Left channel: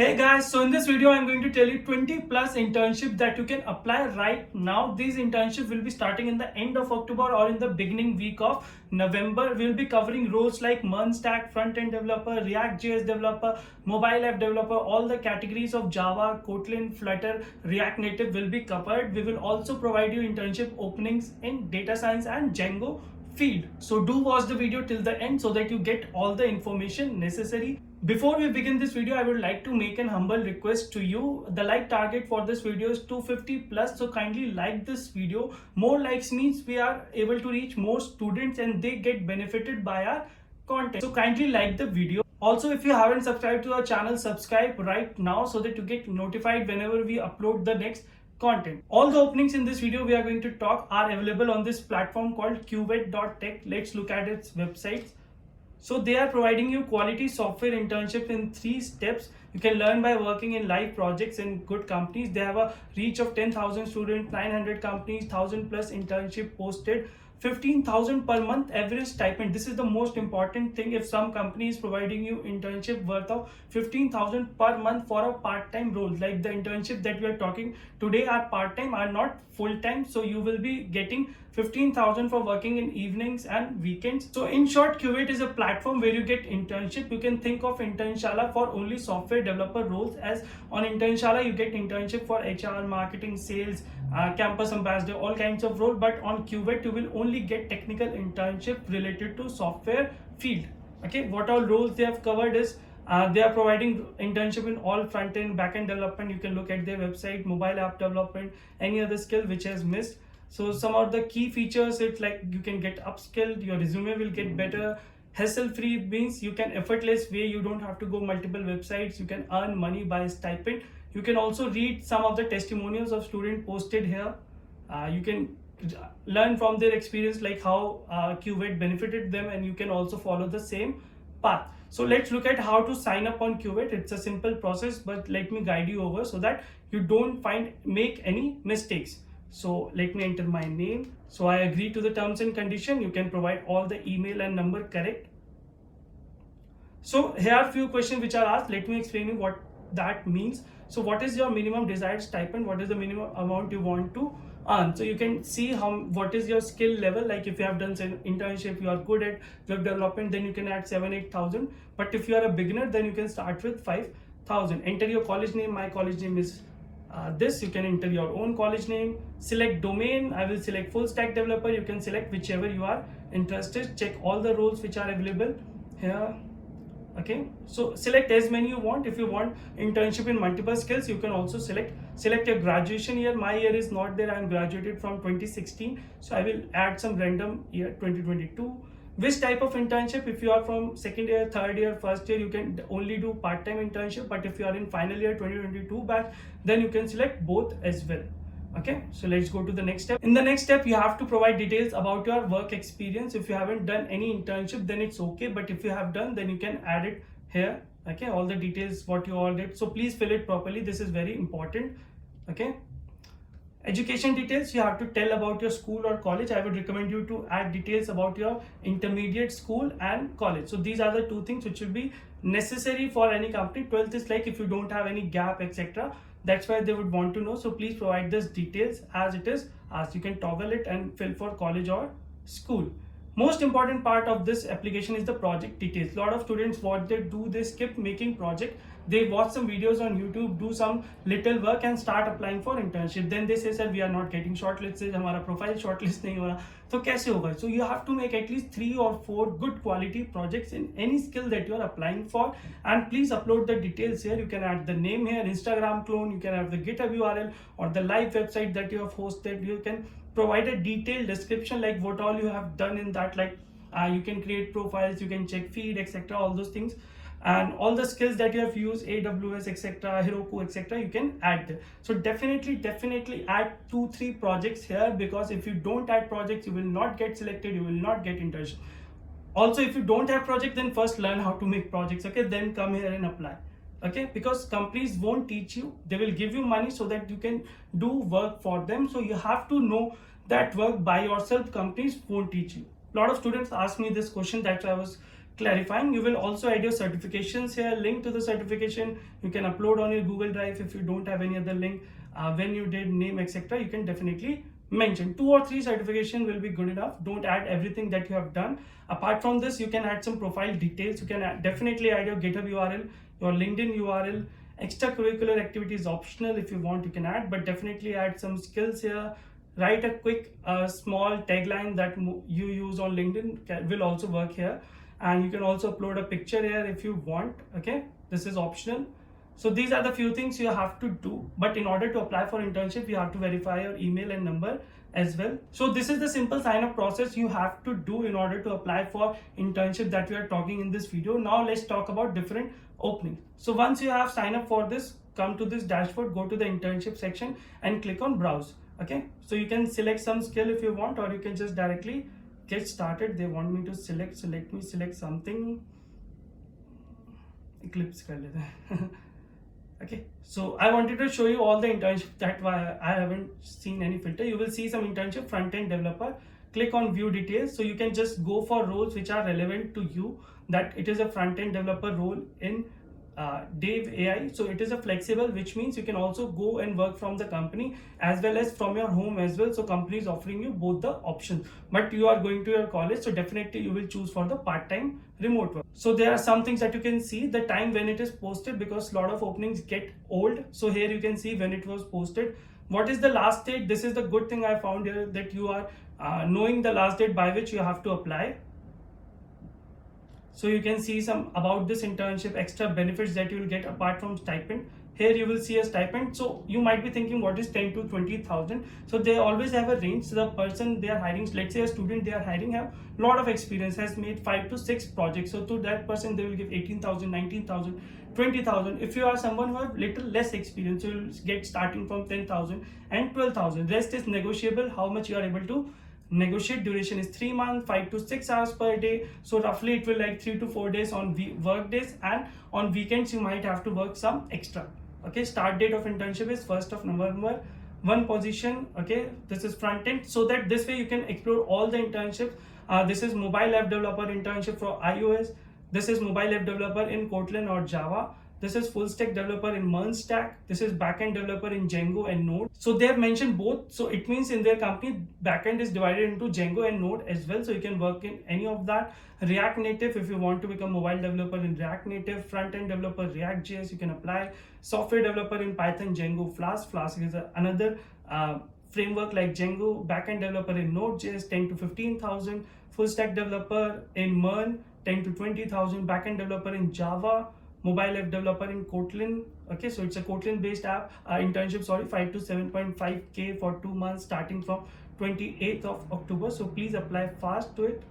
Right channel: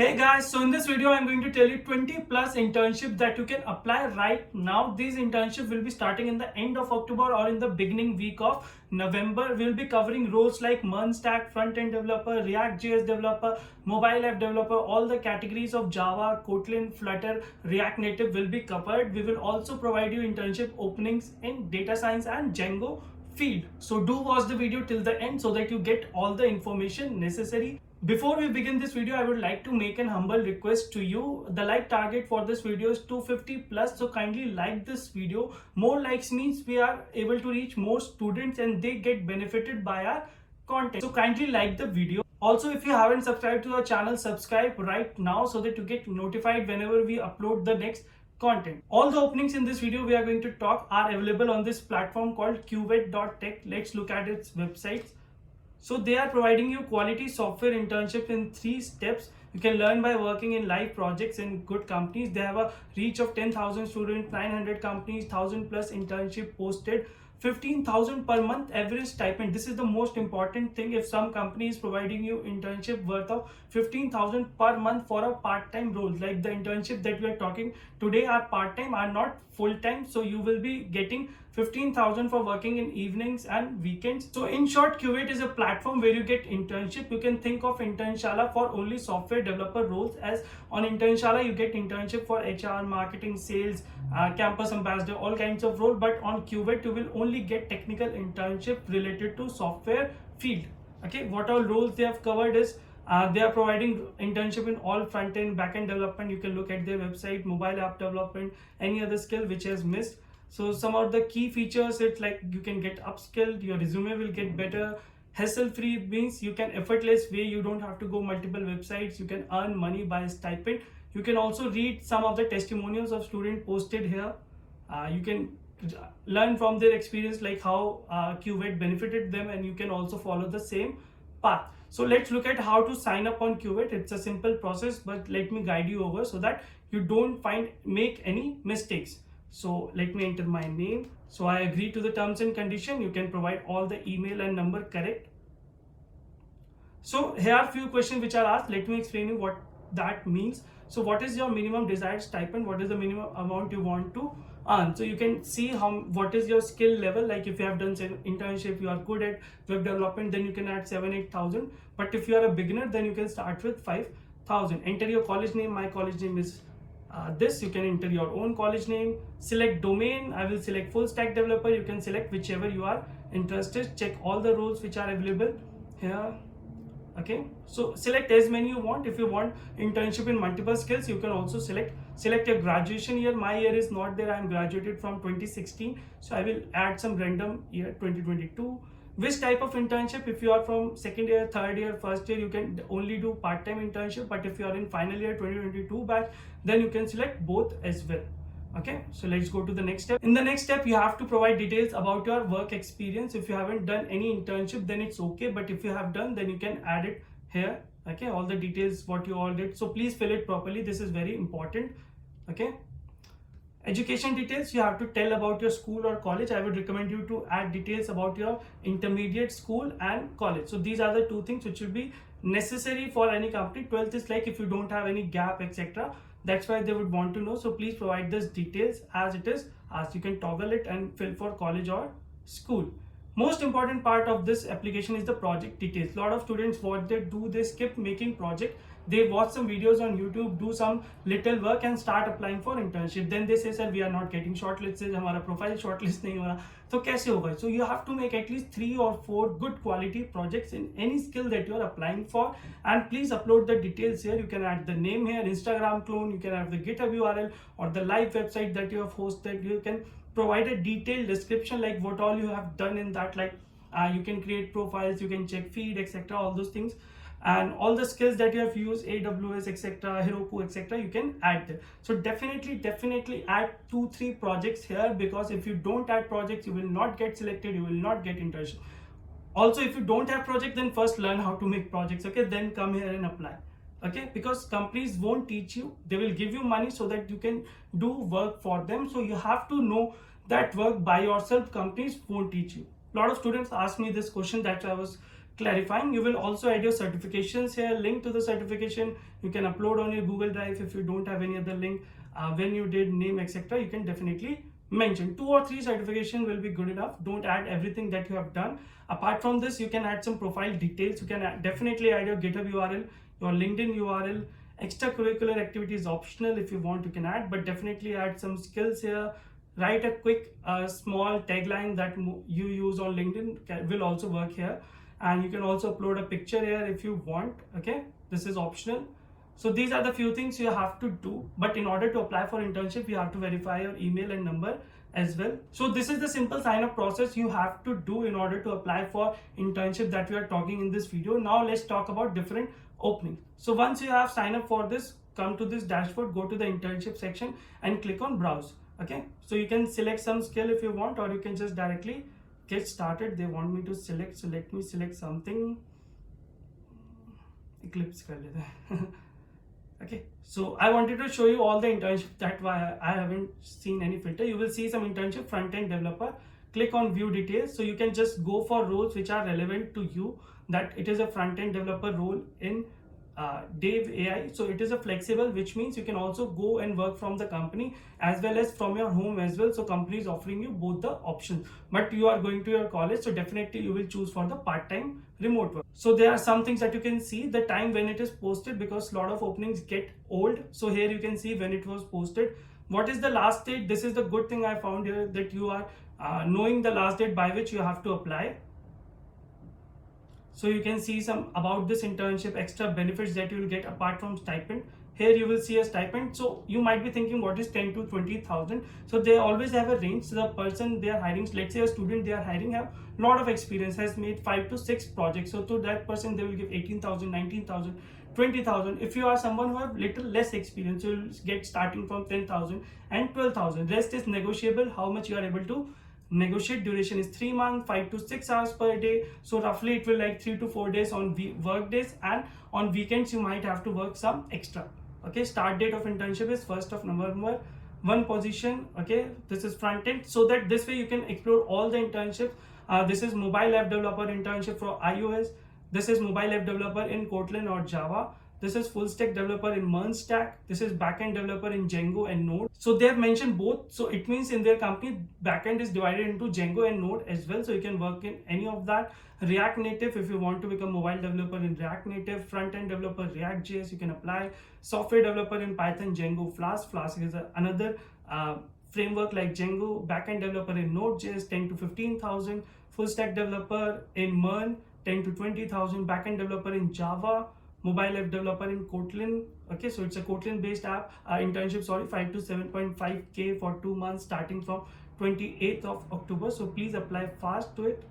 Hey guys, so in this video I'm going to tell you 20 plus internships that you can apply right now. These internships will be starting in the end of October or in the beginning week of November. We'll be covering roles like MERN stack, front-end developer, ReactJS developer, mobile app developer. All the categories of Java, Kotlin, Flutter, React Native will be covered. We will also provide you internship openings in data science and Django field. So do watch the video till the end so that you get all the information necessary. Before we begin this video, I would like to make an humble request to you. The like target for this video is 250 plus, so kindly like this video. More likes means we are able to reach more students and they get benefited by our content. So kindly like the video. Also, if you haven't subscribed to our channel, subscribe right now so that you get notified whenever we upload the next content. All the openings in this video we are going to talk are available on this platform called Cuvette.tech. Let's look at its websites. So they are providing you quality software internship in 3 steps. You can learn by working in live projects in good companies. They have a reach of 10,000 students, 900 companies, 1,000 plus internship posted, 15,000 per month average stipend. This is the most important thing. If some company is providing you internship worth of 15,000 per month for a part-time role, like the internship that we are talking today are part-time, are not full-time. So you will be getting 15,000 for working in evenings and weekends. So in short, Cuvette is a platform where you get internship. You can think of Internshala for only software developer roles, as on Internshala you get internship for HR, marketing, sales, campus ambassador, all kinds of roles. But on Cuvette you will only get technical internship related to software field. Okay, what all roles they have covered is they are providing internship in all front-end, back-end development. You can look at their website, mobile app development, any other skill which has missed. So some of the key features, it's like you can get upskilled, your resume will get better, hassle-free means you can effortless way, you don't have to go multiple websites, you can earn money by stipend. You can also read some of the testimonials of students posted here. You can learn from their experience, like how Cuvette benefited them, and you can also follow the same path. So let's look at how to sign up on Cuvette. It's a simple process, but let me guide you over so that you don't make any mistakes. So let me enter my name. So I agree to the terms and condition. You can provide all the email and number correct. So here are a few questions which are asked. Let me explain you what that means. So what is your minimum desired stipend? What is the minimum amount you want to earn? So you can see what is your skill level. Like if you have done an internship, you are good at web development, then you can add 7,000-8,000. But if you are a beginner, then you can start with 5,000. Enter your college name. My college name is this. You can enter your own college name. Select domain. I will select full stack developer. You can select whichever you are interested. Check all the roles which are available here. Okay, so select as many you want. If you want internship in multiple skills, you can also select your graduation year. My year is not there. I'm graduated from 2016, so I will add some random year 2022. Which type of internship? If you are from second year, third year, first year, you can only do part-time internship. But if you are in final year 2022 batch, then you can select both as well. Okay, so let's go to the next step. In the next step, you have to provide details about your work experience. If you haven't done any internship, then it's okay. But if you have done, then you can add it here. Okay, all the details what you all did. So please fill it properly. This is very important. Okay. Education details, you have to tell about your school or college. I would recommend you to add details about your intermediate school and college. So these are the two things which will be necessary for any company. 12th is like if you don't have any gap, etc. That's why they would want to know. So please provide these details as it is, as you can toggle it and fill for college or school. Most important part of this application is the project details. A lot of students, what they do, they skip making project. They watch some videos on YouTube, do some little work and start applying for internship. Then they say, sir, we are not getting shortlisted, हमारा profile shortlist नहीं हो रहा. तो कैसे होगा? So you have to make at least 3 or 4 good quality projects in any skill that you are applying for. And please upload the details here. You can add the name here, Instagram clone, you can have the GitHub URL or the live website that you have hosted. You can provide a detailed description like what all you have done in that, like you can create profiles, you can check feed, etc. all those things, and all the skills that you have used, AWS, etc., Heroku, etc. you can add there. So definitely add 2-3 projects here, because if you don't add projects, you will not get selected, you will not get internship. Also, if you don't have project, then first learn how to make projects, okay, then come here and apply. Okay, because companies won't teach you, they will give you money so that you can do work for them. So you have to know that work by yourself. Companies won't teach you. A lot of students ask me this question, that I was clarifying. You will also add your certifications here, link to the certification. You can upload on your Google Drive if you don't have any other link. When you did name, etc., you can definitely mention 2 or 3 certification will be good enough. Don't add everything that you have done. Apart from this, you can add some profile details. You can definitely add your GitHub URL, your LinkedIn URL. Extracurricular activities optional. If you want, you can add, but definitely add some skills here. Write a quick small tagline that you use on LinkedIn will also work here. And you can also upload a picture here if you want. Okay, this is optional. So these are the few things you have to do, but in order to apply for internship, you have to verify your email and number as well. So this is the simple sign up process you have to do in order to apply for internship that we are talking in this video. Now let's talk about different openings. So once you have signed up for this, come to this dashboard, go to the internship section and click on browse. Okay, so you can select some skill if you want, or you can just directly get started. They want me to select, so let me select something. Eclipse color. Okay, so I wanted to show you all the internships. That's why I haven't seen any filter. You will see some internship front-end developer. Click on view details, so you can just go for roles which are relevant to you. That it is a front-end developer role in DaveAI. So it is a flexible, which means you can also go and work from the company as well as from your home as well. So company is offering you both the options, but you are going to your college, so definitely you will choose for the part-time remote work. So there are some things that you can see the time when it is posted, because a lot of openings get old. So here you can see when it was posted. What is the last date? This is the good thing I found here, that you are knowing the last date by which you have to apply. So you can see some about this internship, extra benefits that you will get apart from stipend. Here you will see a stipend. So you might be thinking, what is 10 to 20,000? So they always have a range. So the person they are hiring, let's say a student they are hiring have a lot of experience, has made 5 to 6 projects. So to that person they will give 18,000, 19,000, 20,000. If you are someone who have little less experience, you will get starting from 10,000 and 12,000. Rest is negotiable, how much you are able to negotiate. Duration is 3 months, 5 to 6 hours per day. So roughly it will like 3 to 4 days on work days, and on weekends you might have to work some extra. Okay, start date of internship is 1st of November. One position. Okay, this is front end, so that this way you can explore all the internship. This is mobile app developer internship for iOS. This is mobile app developer in Kotlin or Java. This is full stack developer in MERN stack. This is backend developer in Django and Node. So they have mentioned both. So it means in their company, backend is divided into Django and Node as well. So you can work in any of that. React Native, if you want to become mobile developer in React Native. Front-end developer ReactJS, you can apply. Software developer in Python, Django, Flask. Flask is another framework like Django. Backend developer in Node.js, 10 to 15,000. Full stack developer in MERN, 10 to 20,000. Backend developer in Java. Mobile app developer in Kotlin. Okay, so it's a Kotlin based app. Internship, 5 to 7.5K for 2 months starting from 28th of October. So please apply fast to it.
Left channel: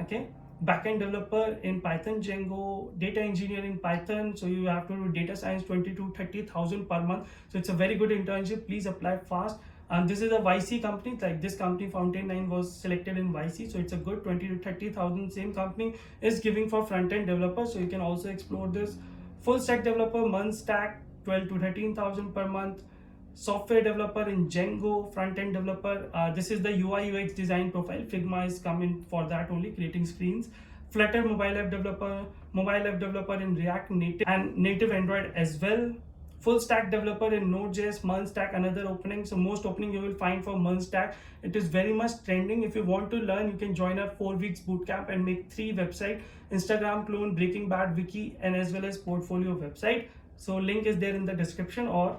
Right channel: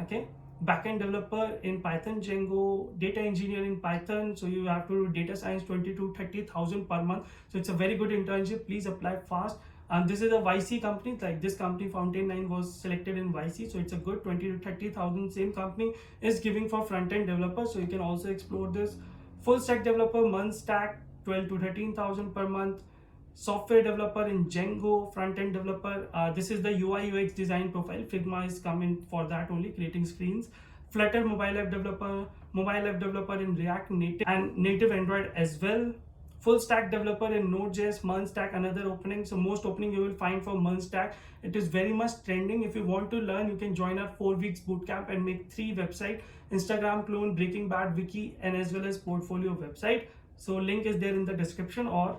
Okay, backend developer in Python, Django. Data engineer in Python, so you have to do data science, 20 to 30,000 per month. So it's a very good internship. Please apply fast. And this is a YC company, like this company Fountain 9 was selected in YC, so it's a good 20 to 30,000. Same company is giving for front-end developer, so you can also explore this. Full stack developer, MERN stack, 12 to 13,000 per month. Software developer in Django. Front-end developer, this is the UI UX design profile. Figma is coming for that only, creating screens. Flutter mobile app developer in React Native and native Android as well. Full stack developer in Node.js, MERN stack, another opening. So most opening you will find for MERN stack. It is very much trending. If you want to learn, you can join our 4 weeks bootcamp and make 3 websites: Instagram clone, Breaking Bad wiki, and as well as portfolio website. So link is there in the description, or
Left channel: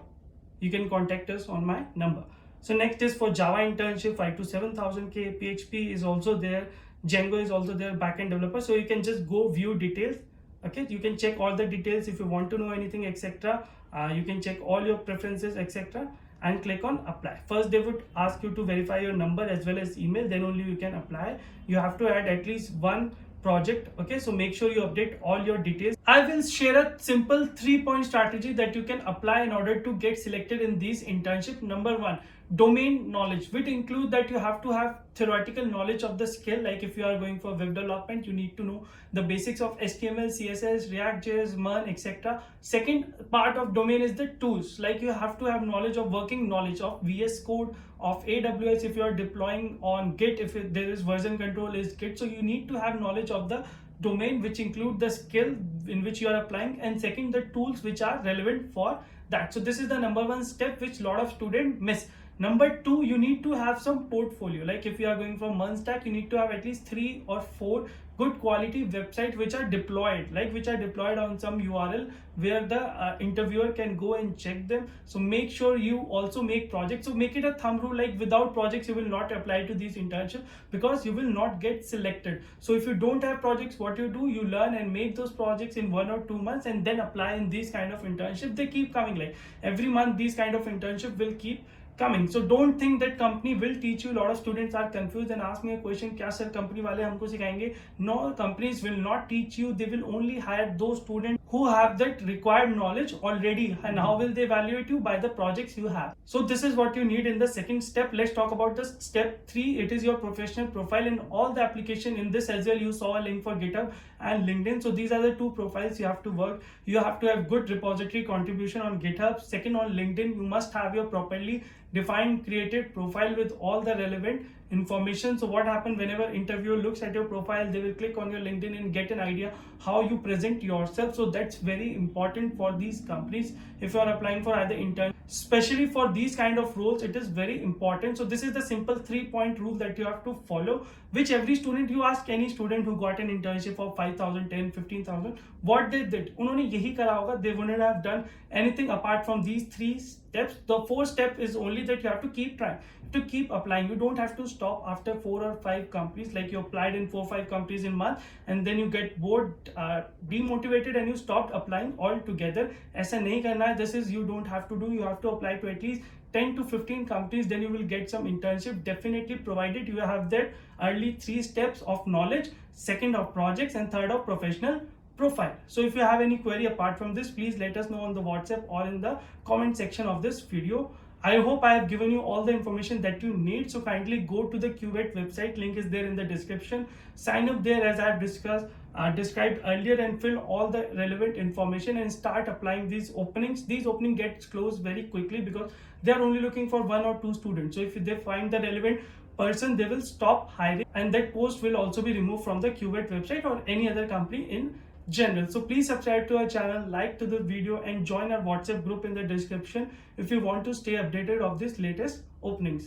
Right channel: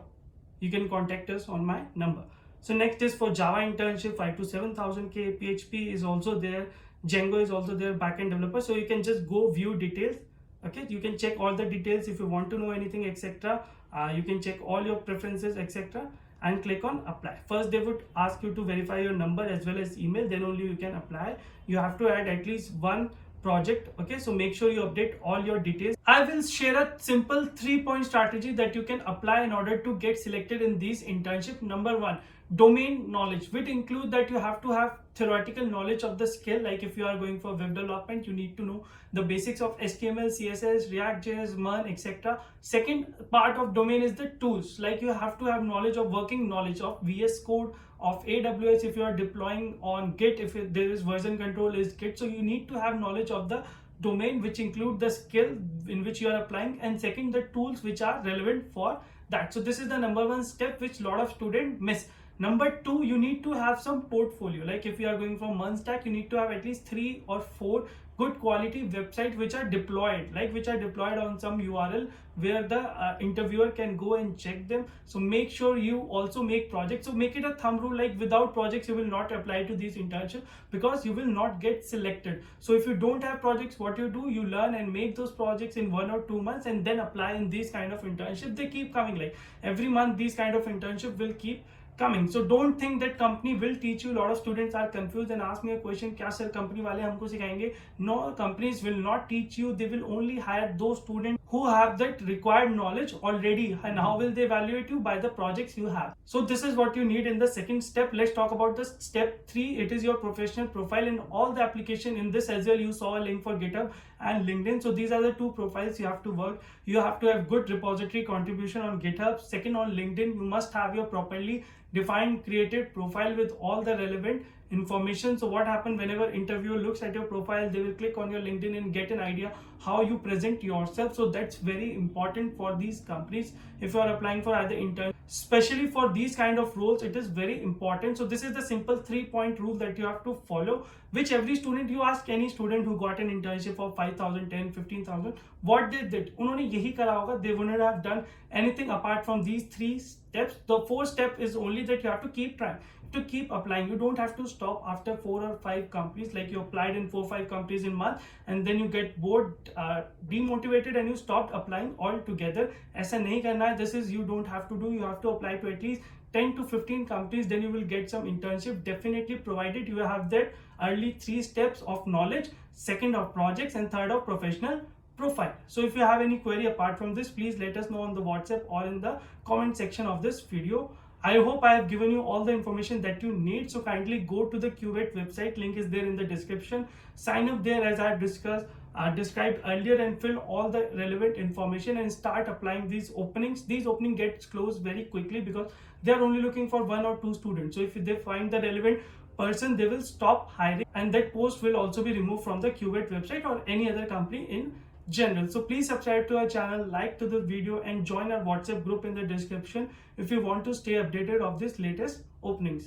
you can contact us on my number. So next is for Java internship, 5 to 7,000K. PHP is also there. Django is also there, backend developer. So you can just go view details. Okay, you can check all the details if you want to know anything, etc. You can check all your preferences, etc. and click on apply. First they would ask you to verify your number as well as email, then only you can apply. You have to add at least 1 project. Okay, so make sure you update all your details. I will share a simple 3-point strategy that you can apply in order to get selected in these internship. Number 1, domain knowledge, which include that you have to have theoretical knowledge of the skill. Like if you are going for web development, you need to know the basics of HTML, CSS, React.js, MERN, etc. Second part of domain is the tools. Like you have to have knowledge of working knowledge of VS Code, of AWS if you are deploying on Git, if there is version control is Git. So you need to have knowledge of the domain, which include the skill in which you are applying, and second, the tools which are relevant for that. So this is the number one step which a lot of students miss. Number two, you need to have some portfolio. Like if you are going from MERN stack, you need to have at least 3 or 4 good quality websites which are deployed, like which are deployed on some URL where the interviewer can go and check them. So make sure you also make projects. So make it a thumb rule, like without projects you will not apply to these internships because you will not get selected. So if you don't have projects, what you do, you learn and make those projects in 1 or 2 months and then apply in these kind of internships. They keep coming, like every month these kind of internship will keep coming. So don't think that company will teach you. A lot of students are confused and ask me a question, क्या sir company वाले हमको सिखाएंगे? No, companies will not teach you. They will only hire those students who have that required knowledge already. And how will they evaluate you? By the projects you have. So this is what you need in the second step. Let's talk about the step 3. It is your professional profile. In all the application in this as well, you saw a link for GitHub and LinkedIn. So these are the 2 profiles you have to work. You have to have good repository contribution on GitHub. Second, on LinkedIn, you must have your properly defined created profile with all the relevant information. So what happens whenever interviewer looks at your profile, they will click on your LinkedIn and get an idea how you present yourself. So that's very important for these companies if you are applying for either intern, especially for these kind of roles. It is very important. So this is the simple 3-point rule that you have to follow, which every student, you ask any student who got an internship for 5,000, 10, 15,000, what they did, उन्होंने यही करा होगा. They wouldn't have done anything apart from these 3 steps. The 4th step is only that you have to keep trying, to keep applying. You don't have to stop after 4 or 5 companies, like you applied in 4 or 5 companies in month and then you get bored, demotivated, and you stopped applying altogether. ऐसा नहीं करना है. This is, you don't have to do. You have to apply to at least 10 to 15 companies, then you will get some internship, definitely, provided you have that early 3 steps of knowledge, second of projects, and third of professional profile. So if you have any query apart from this, please let us know on the WhatsApp or in the comment section of this video. I hope I have given you all the information that you need. So kindly go to the Cuvette website, link is there in the description. Sign up there as I have described earlier, and fill all the relevant information and start applying these openings. These openings get closed very quickly because they are only looking for 1 or 2 students. So if they find the relevant person, they will stop hiring, and that post will also be removed from the Cuvette website or any other company in general. So please subscribe to our channel, like to the video, and join our WhatsApp group in the description if you want to stay updated of these latest openings.